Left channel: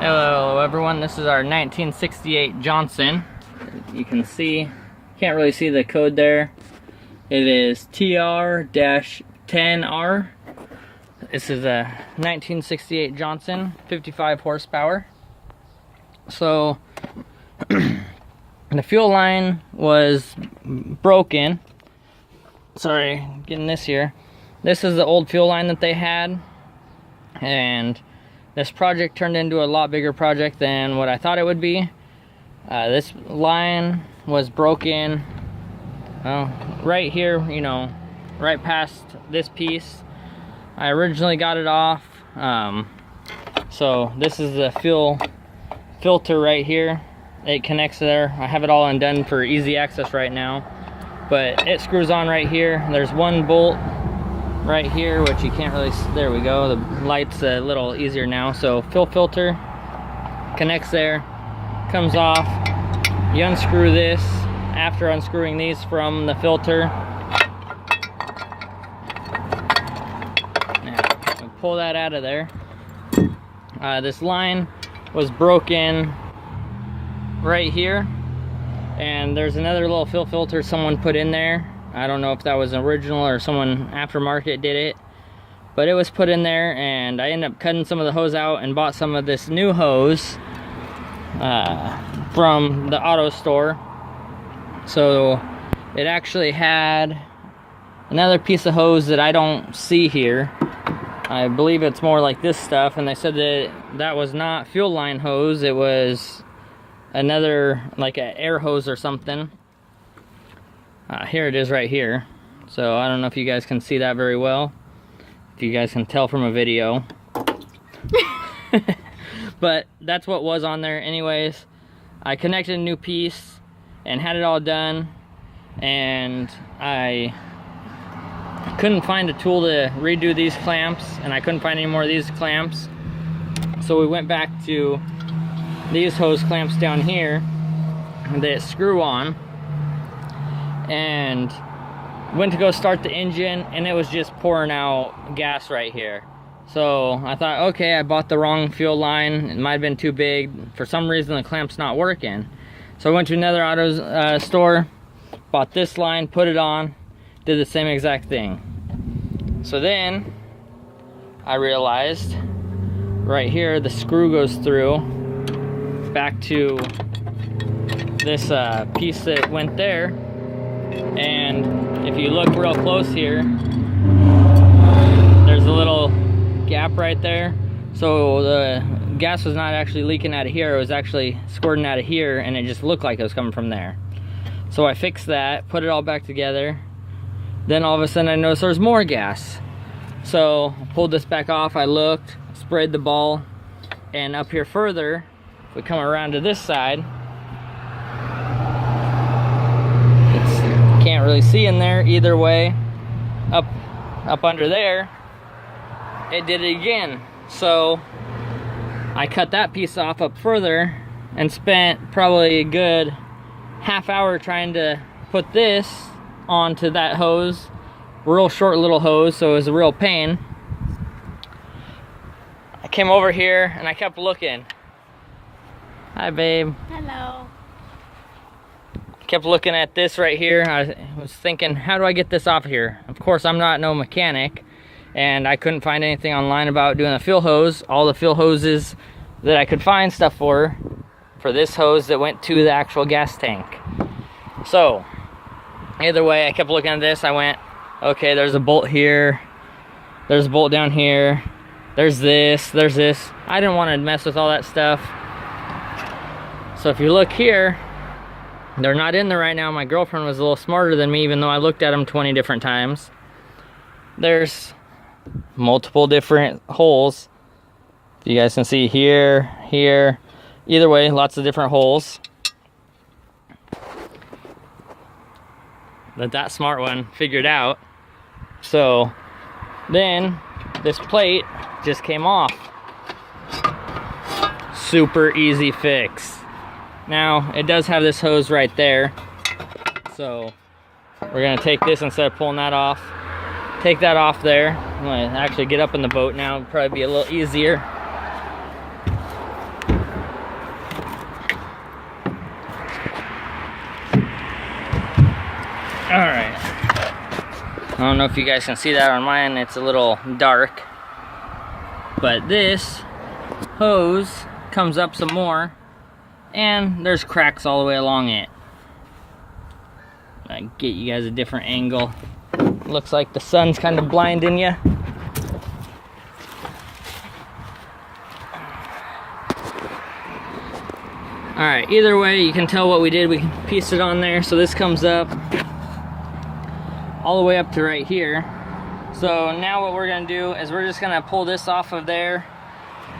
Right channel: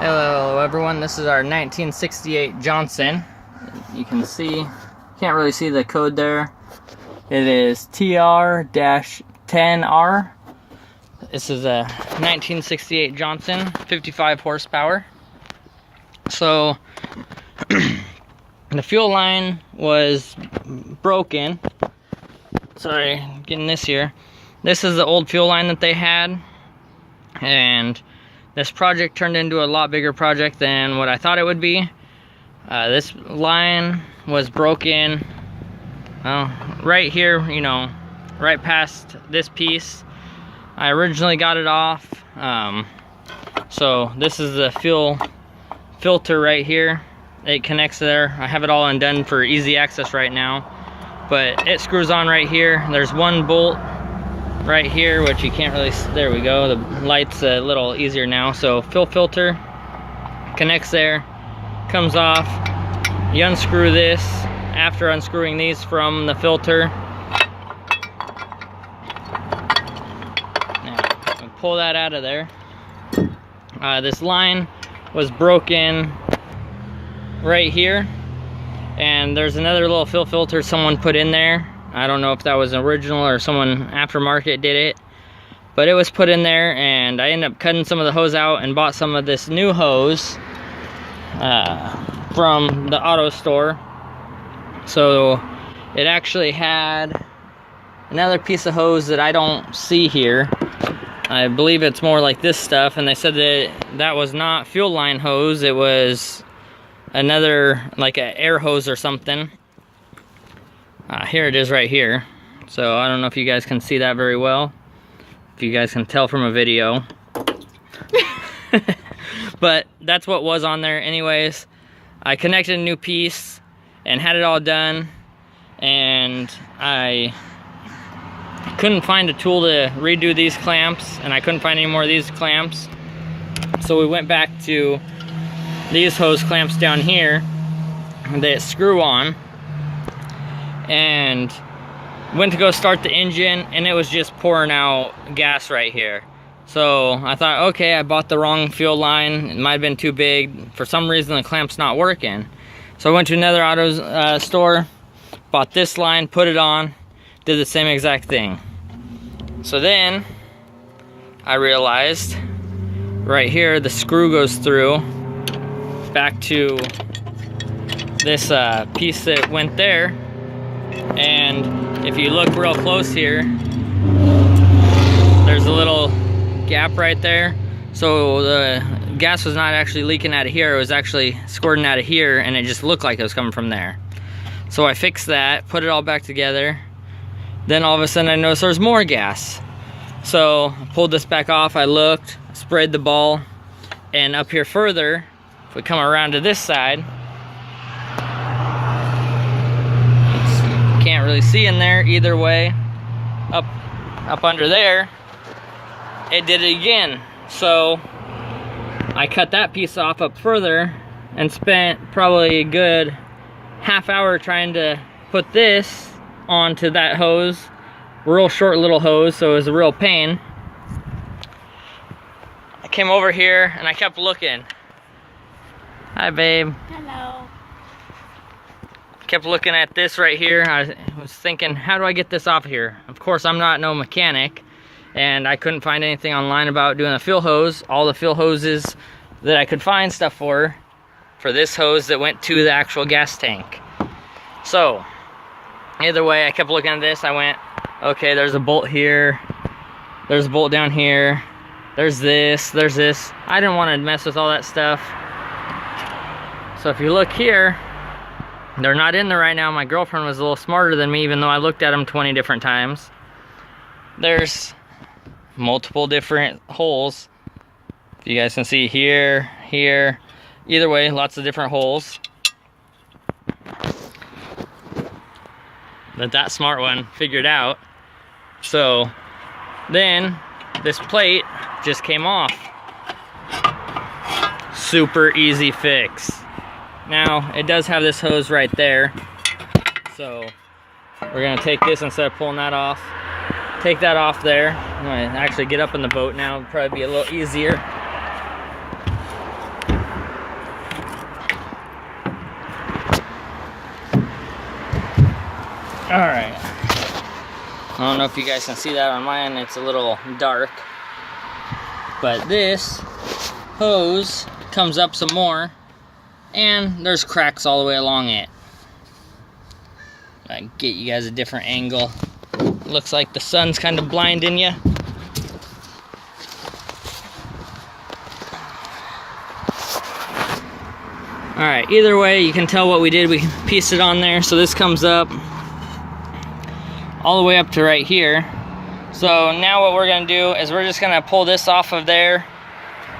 Hello everyone, this is our 1968 Johnson. You can see, can't really see the code there. It is TR-10R. This is a 1968 Johnson, 55 horsepower. So, the fuel line was broken. Sorry, getting this here. This is the old fuel line that they had. And this project turned into a lot bigger project than what I thought it would be. This line was broken right here, you know, right past this piece. I originally got it off. So this is the fuel filter right here. It connects there. I have it all undone for easy access right now. But it screws on right here. There's one bolt right here, which you can't really, there we go, the light's a little easier now. So fuel filter connects there, comes off. You unscrew this after unscrewing these from the filter. Now, pull that out of there. This line was broken right here, and there's another little fuel filter someone put in there. I don't know if that was original or someone aftermarket did it, but it was put in there, and I ended up cutting some of the hose out and bought some of this new hose from the auto store. So it actually had another piece of hose that I don't see here. I believe it's more like this stuff, and they said that that was not fuel line hose. It was another, like an air hose or something. Here it is right here. So I don't know if you guys can see that very well, if you guys can tell from a video. But that's what was on there anyways. I connected a new piece and had it all done, and I couldn't find a tool to redo these clamps, and I couldn't find any more of these clamps. So we went back to these hose clamps down here that screw on, and went to go start the engine, and it was just pouring out gas right here. So I thought, okay, I bought the wrong fuel line. It might have been too big. For some reason the clamp's not working. So I went to another auto store, bought this line, put it on, did the same exact thing. So then I realized right here the screw goes through back to this piece that went there. And if you look real close here, there's a little gap right there. So the gas was not actually leaking out of here, it was actually squirting out of here, and it just looked like it was coming from there. So I fixed that, put it all back together. Then all of a sudden I noticed there's more gas. So I pulled this back off, I looked, sprayed the ball, and up here further, if we come around to this side, can't really see in there either way. Up under there, it did it again. So I cut that piece off up further and spent probably a good half hour trying to put this onto that hose. Real short little hose, so it was a real pain. I came over here and I kept looking. Hi, babe. Hello. Kept looking at this right here. I was thinking, how do I get this off of here? Of course, I'm not no mechanic, and I couldn't find anything online about doing a fuel hose. All the fuel hoses that I could find stuff for this hose that went to the actual gas tank. So either way, I kept looking at this. I went, okay, there's a bolt here, there's a bolt down here, there's this. I didn't want to mess with all that stuff. So if you look here, they're not in there right now. My girlfriend was a little smarter than me, even though I looked at them 20 different times. There's multiple different holes. You guys can see here, here. Either way, lots of different holes. That smart one figured out. So then this plate just came off. Super easy fix. Now, it does have this hose right there, so we're gonna take this instead of pulling that off. Take that off there. I'm gonna actually get up in the boat now, it'll probably be a little easier. Alright. I don't know if you guys can see that on mine, it's a little dark. But this hose comes up some more, and there's cracks all the way along it. I get you guys a different angle. Looks like the sun's kind of blinding you. Alright, either way, you can tell what we did. We pieced it on there, so this comes up all the way up to right here. So now what we're gonna do is we're just gonna pull this off of there.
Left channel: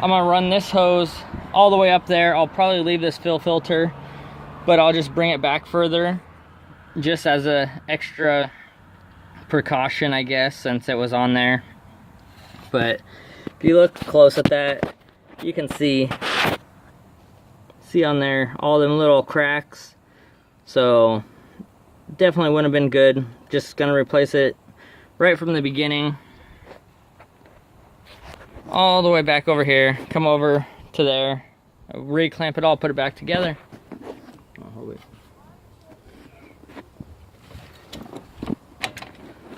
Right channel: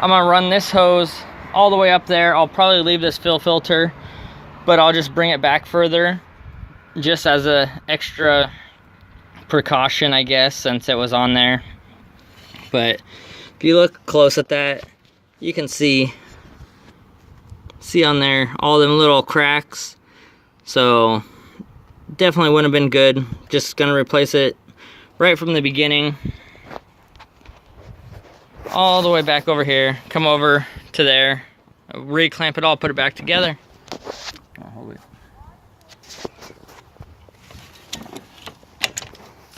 I'm gonna run this hose all the way up there. I'll probably leave this fill filter, but I'll just bring it back further just as a extra precaution, I guess, since it was on there. But if you look close at that, you can see on there all them little cracks. So definitely wouldn't have been good. Just gonna replace it right from the beginning, all the way back over here, come over to there, re-clamp it all, put it back together. I'll hold it.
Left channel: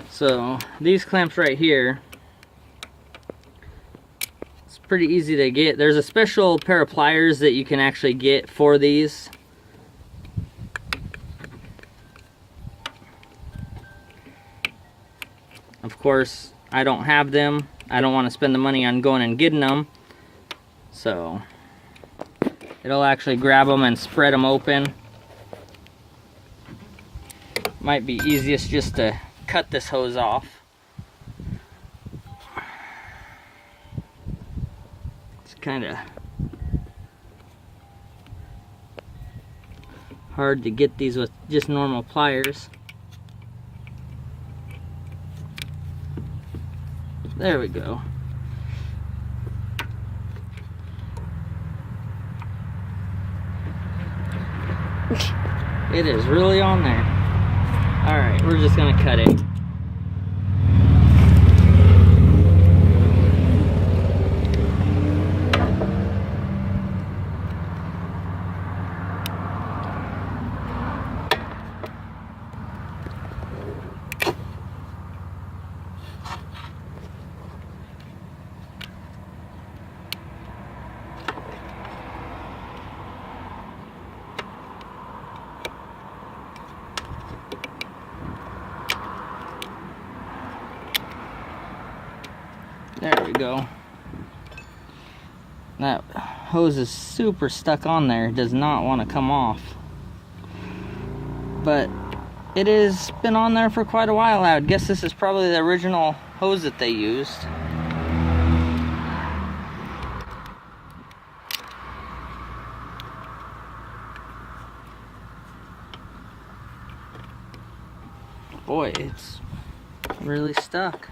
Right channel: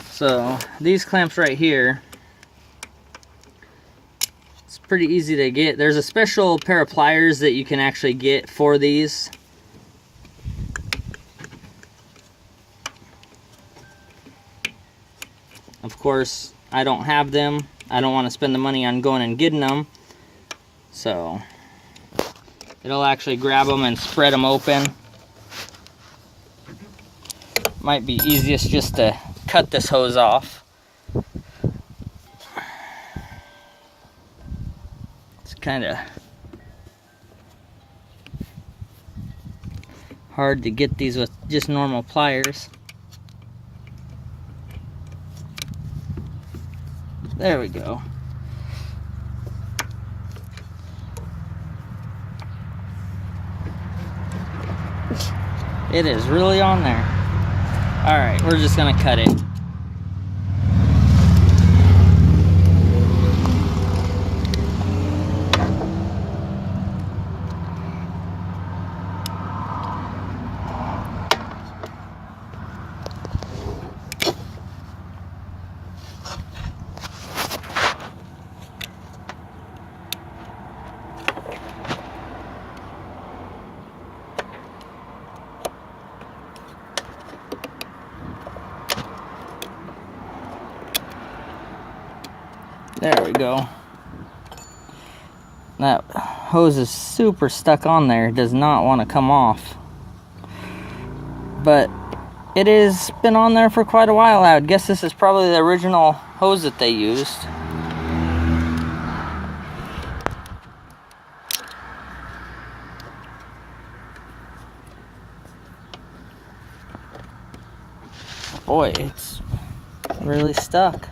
So these clamps right here, it's pretty easy to get. There's a special pair of pliers that you can actually get for these. Of course, I don't have them. I don't want to spend the money on going and getting them. So it'll actually grab them and spread them open. Might be easiest just to cut this hose off. It's kind of hard to get these with just normal pliers. There we go. It is really on there. Alright, we're just gonna cut it. There we go. That hose is super stuck on there. It does not want to come off. But it has been on there for quite a while. I would guess this is probably the original hose that they used. Boy, it's really stuck.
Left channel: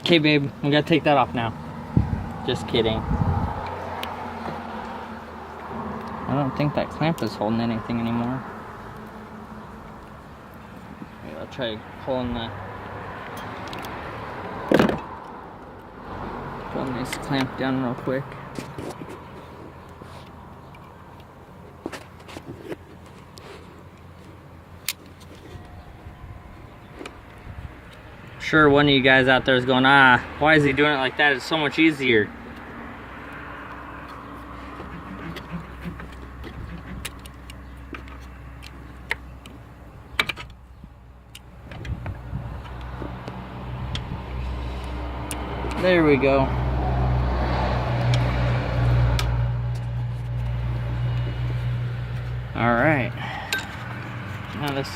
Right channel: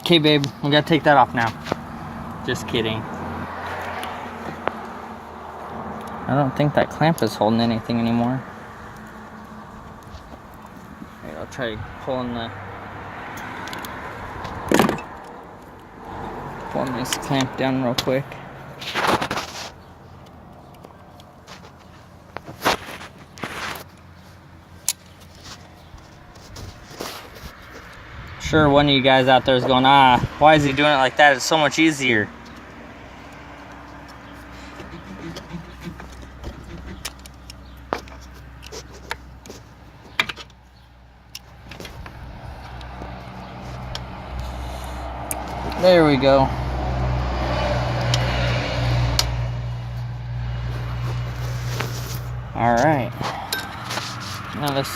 Okay, babe, we gotta take that off now. Just kidding. I don't think that clamp is holding anything anymore. Maybe I'll try pulling this clamp down real quick. Sure, one of you guys out there is going, why is he doing it like that? It's so much easier. There we go. Alright. Now this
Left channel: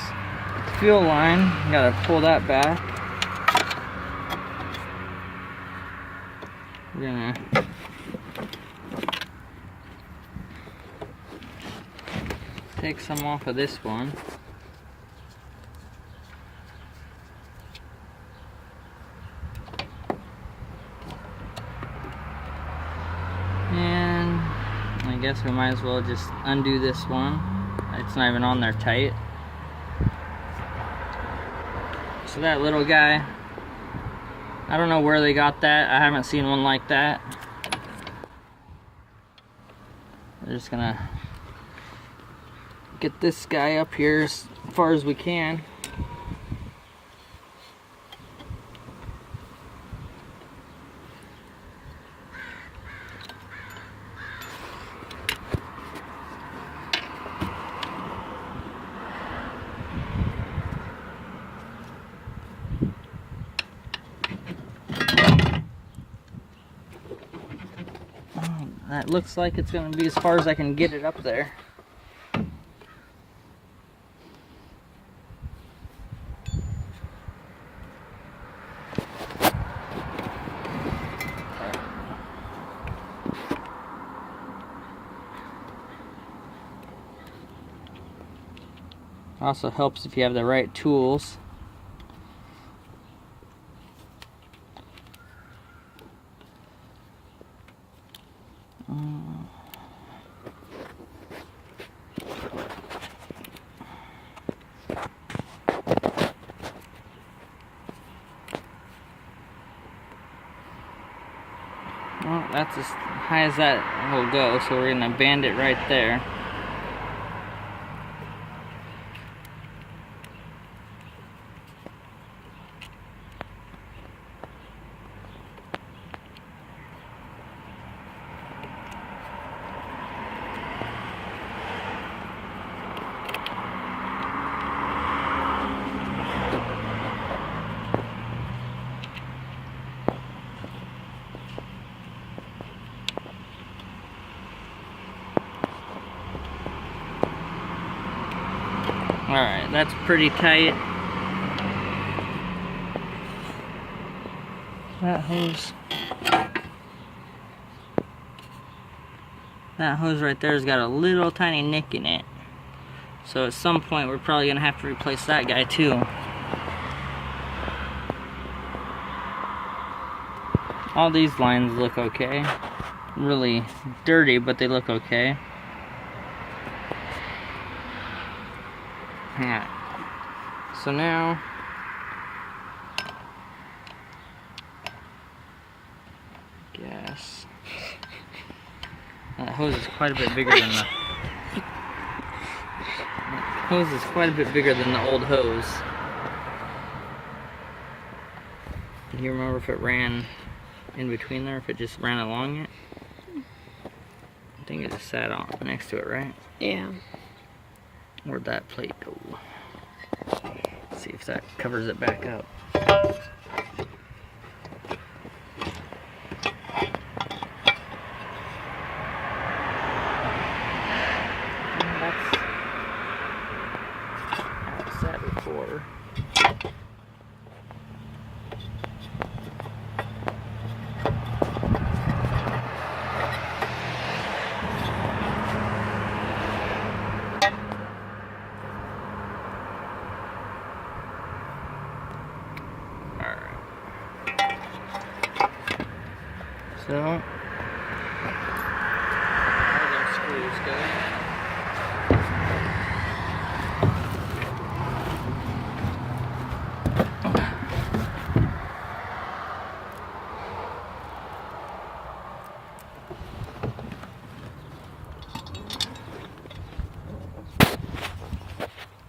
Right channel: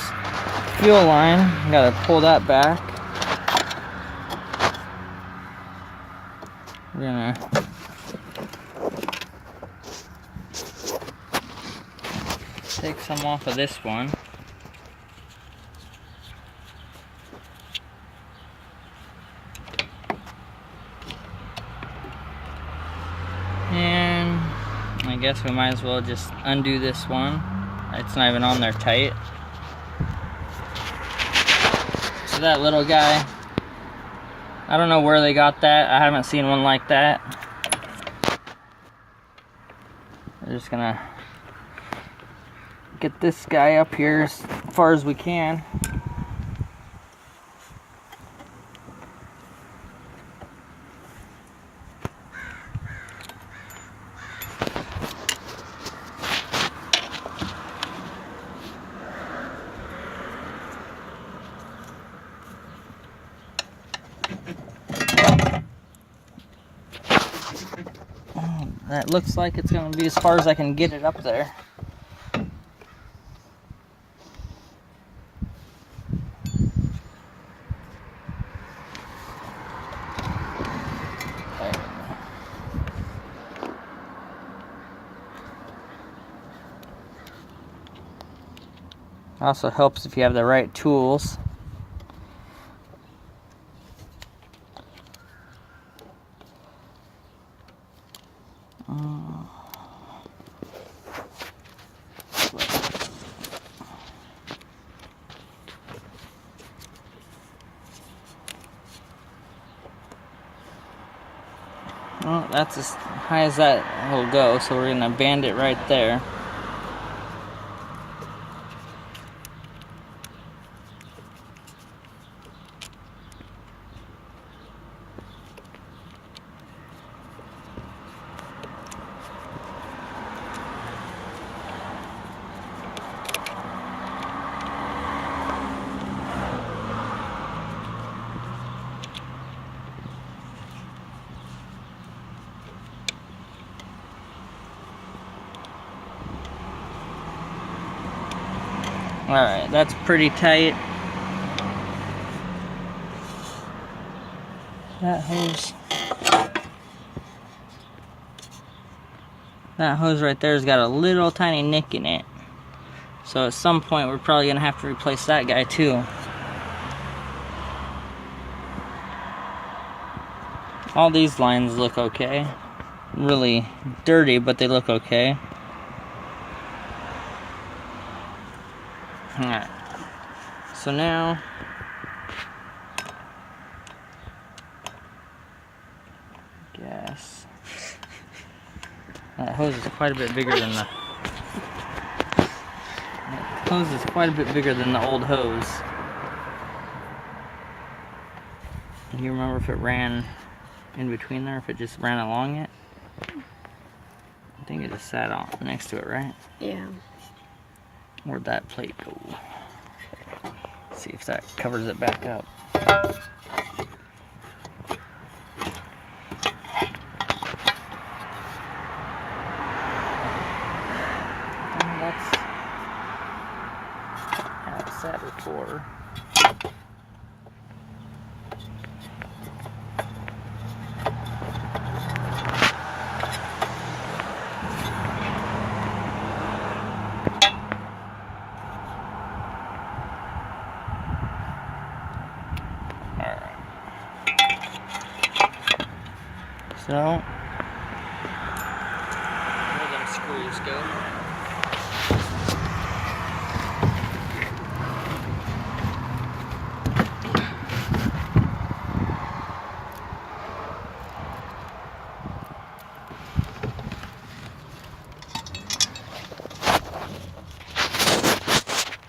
fuel line, gotta pull that back. We're gonna take some off of this one. And I guess we might as well just undo this one. It's not even on there tight. So that little guy I don't know where they got that. I haven't seen one like that. We're just gonna get this guy up here as far as we can. That looks like it's going to be as far as I can get it up there. Also helps if you have the right tools. Well, that's as high as that will go, so we're going to band it right there. Alright, that's pretty tight. That hose right there has got a little tiny nick in it. So at some point we're probably going to have to replace that guy too. All these lines look okay. Really dirty, but they look okay. Alright, so now that hose is quite a bit bigger than the old hose. Do you remember if it ran in between there, if it just ran along it? I think it just sat on next to it, right? Yeah. Where'd that plate go? Let's see if that covers it back up. That's how it sat before. So, where them screws go.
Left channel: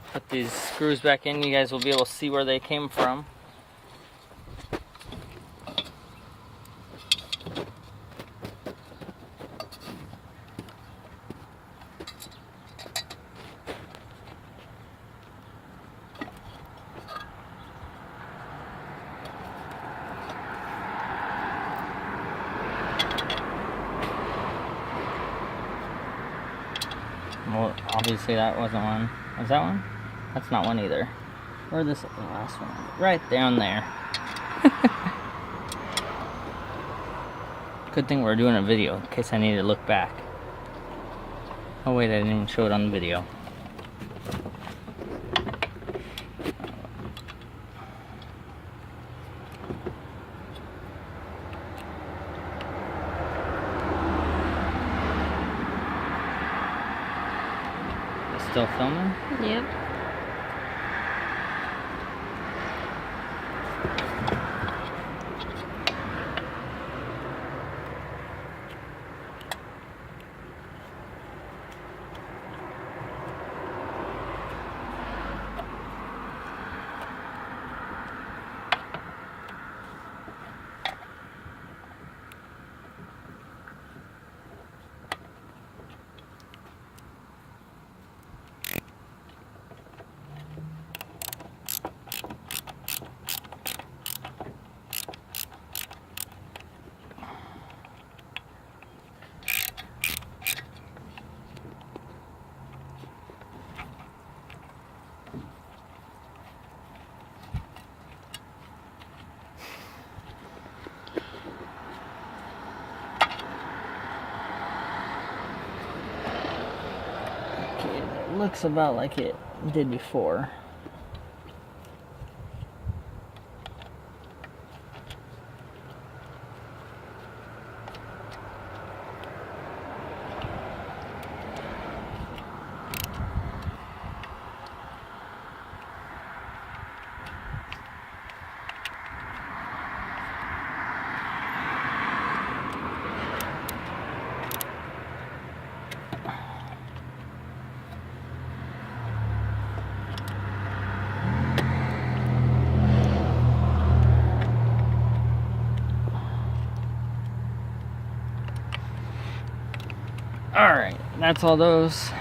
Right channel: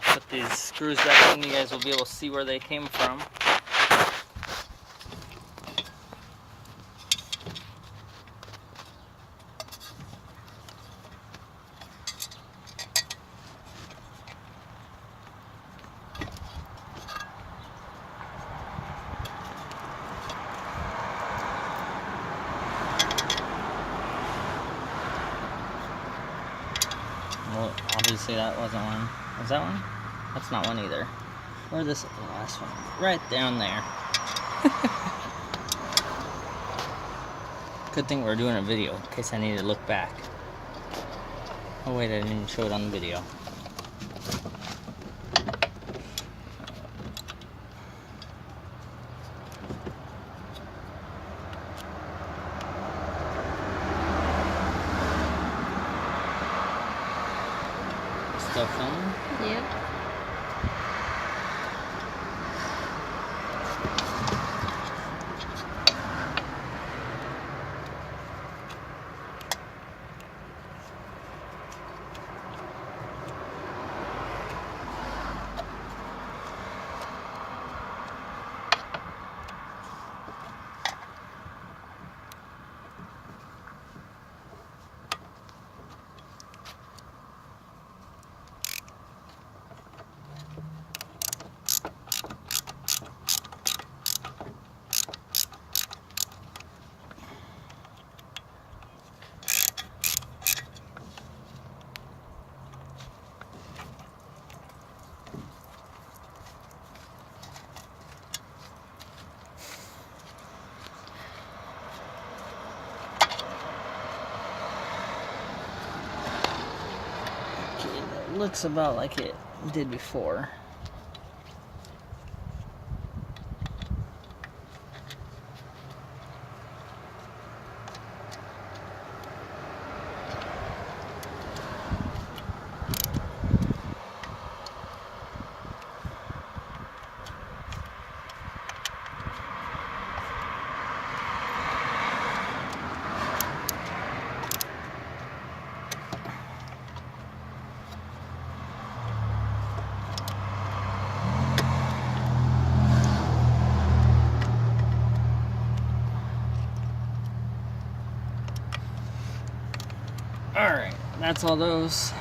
Put these screws back in, you guys will be able to see where they came from. Well, obviously that wasn't one. Was that one? That's not one either. Where's this last one? Right down there. Good thing we're doing a video in case I need to look back. Oh wait, I didn't show it on the video. Still filming? Yep. looks about like it did before. Alright, that's all those